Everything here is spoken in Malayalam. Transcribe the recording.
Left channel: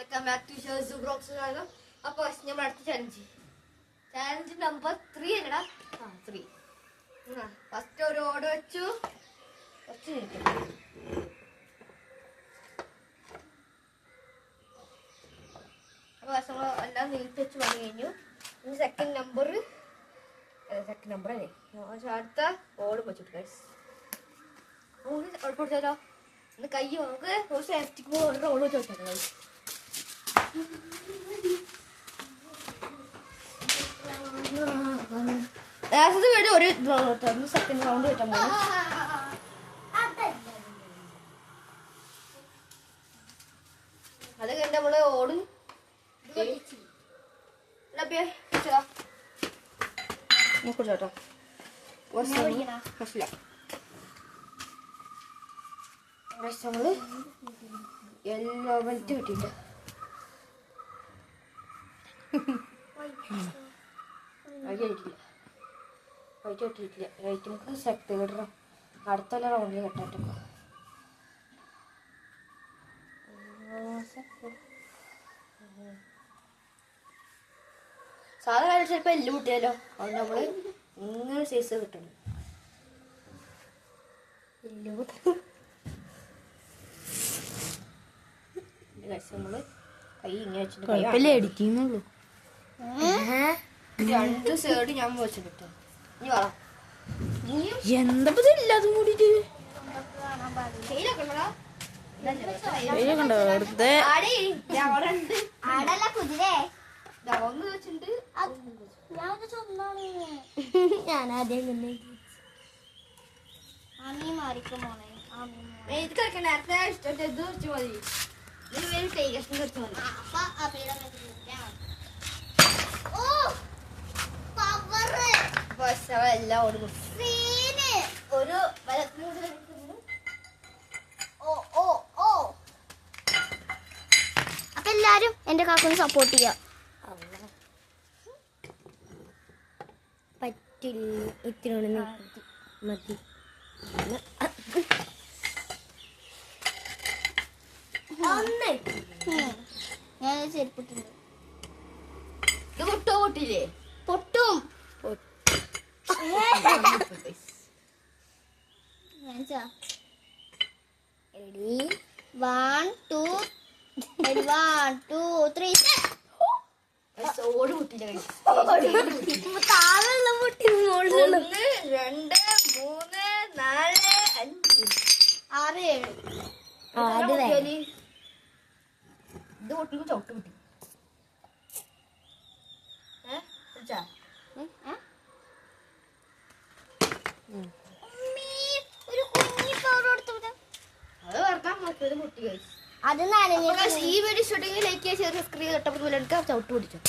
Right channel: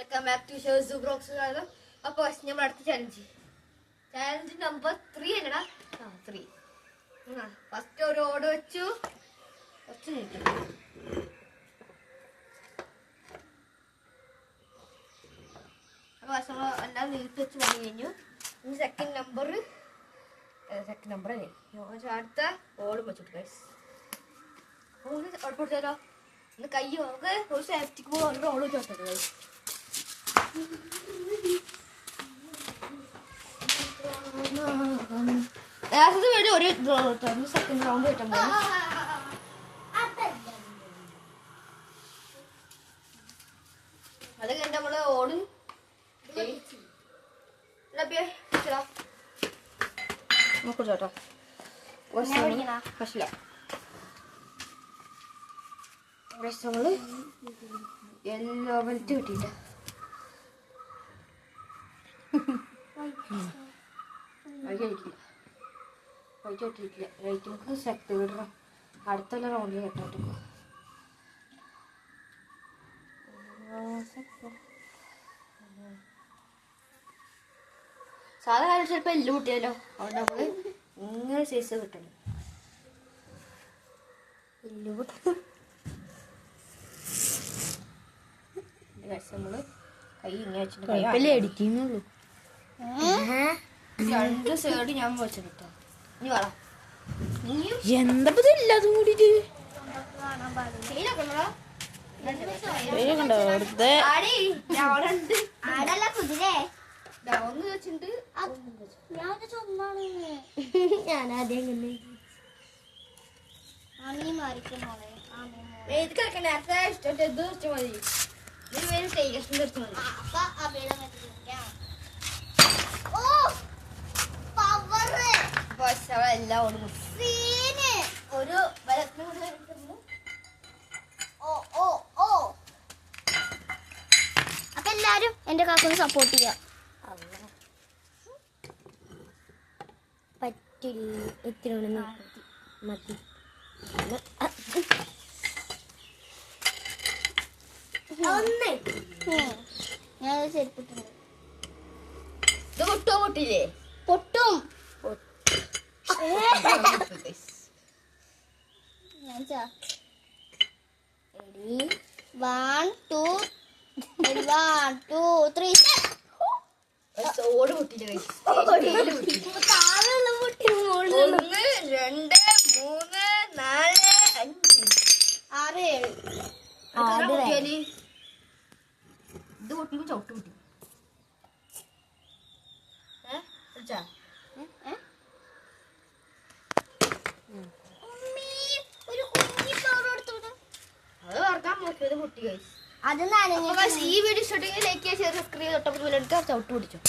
അപ്പൊ നമ്മൾ അടുത്ത ചാലഞ്ച് നമ്പർ 3 അല്ലടാ. 3. ഫസ്റ്റ് ഒരു ഓട് വെച്ചു. കുറച്ച് മിനിറ്റ് അപ്പൊ എല്ലാം നീട്ടി വെച്ച് പണി കഴിഞ്ഞു. ഇനി സെക്കൻഡ് നമ്പർ അല്ലേ അടുത്ത ഓട് വെച്ചിട്ട് കൊടുത്താലോ. ഒന്ന് കൈ നമുക്ക് ഒരു സേഫ്റ്റിക്ക് ഓട് ഓട് വെച്ചോട്ടെ കൈ. ഒരു സെക്കൻഡ് റൗണ്ട് കിട്ടാൻ പോകും. അത് കഴിഞ്ഞ് നമ്മള് ഓട് കേട്ടോ. നമ്മള് യെല്ലോ വെൽറ്റ് കിട്ടിയില്ല. വൈറ്റ് കിട്ടിയിട്ടില്ല. വൈറ്റ് നമുക്ക് തേർഡ് അടുത്തുള്ള റൗണ്ടിൽ കെട്ടാട്ടോ. സാധാരണ ചിലപ്പോൾ എല്ല് കിട്ടിയാലോ. അതുകൊണ്ട് നമ്മള് ഇങ്ങനെ സൈസ് കിട്ടണം. എല്ല് കിട്ടും. നമ്മള് കൈ ഇങ്ങനെ വെച്ചിട്ട് അടിക്കുന്നുള്ളൂ. 2 സൈഡ് ഞാൻ വെച്ചിട്ടോ. നീ പറ എന്താ ഇല്ലാതും കൂടിട്ട് ഞാനാദ്യം എല്ലാം ഒരു അപ്പൊ എല്ലാരും എന്റെ കാക്കൊന്ന് സപ്പോർട്ട് ചെയ്യാം. പറ്റില്ല ഇത്ര മതി. ഞാൻ ചെരുപ്പിട്ടുണ്ട്. ഇത് പൊട്ടോ പൊട്ടില്ലേ? പൊട്ടും. Ready? 1, 2, 3. ഓട് പൊട്ടില്ല. 1, 2, 3, 4, 5, 6, 7. ഇത് പൊട്ടിക്കുമ്പോ ചവിട്ട് പൊട്ടി. അത് ഈ വീഡിയോ ഇഷ്ടപ്പെട്ടെങ്കിൽ ലൈക്ക് ചെയ്യുക, ഷെയർ, സബ്സ്ക്രൈബ്, തൊട്ടപ്പുറത്ത് ചവിട്ട് പിടിച്ചോ.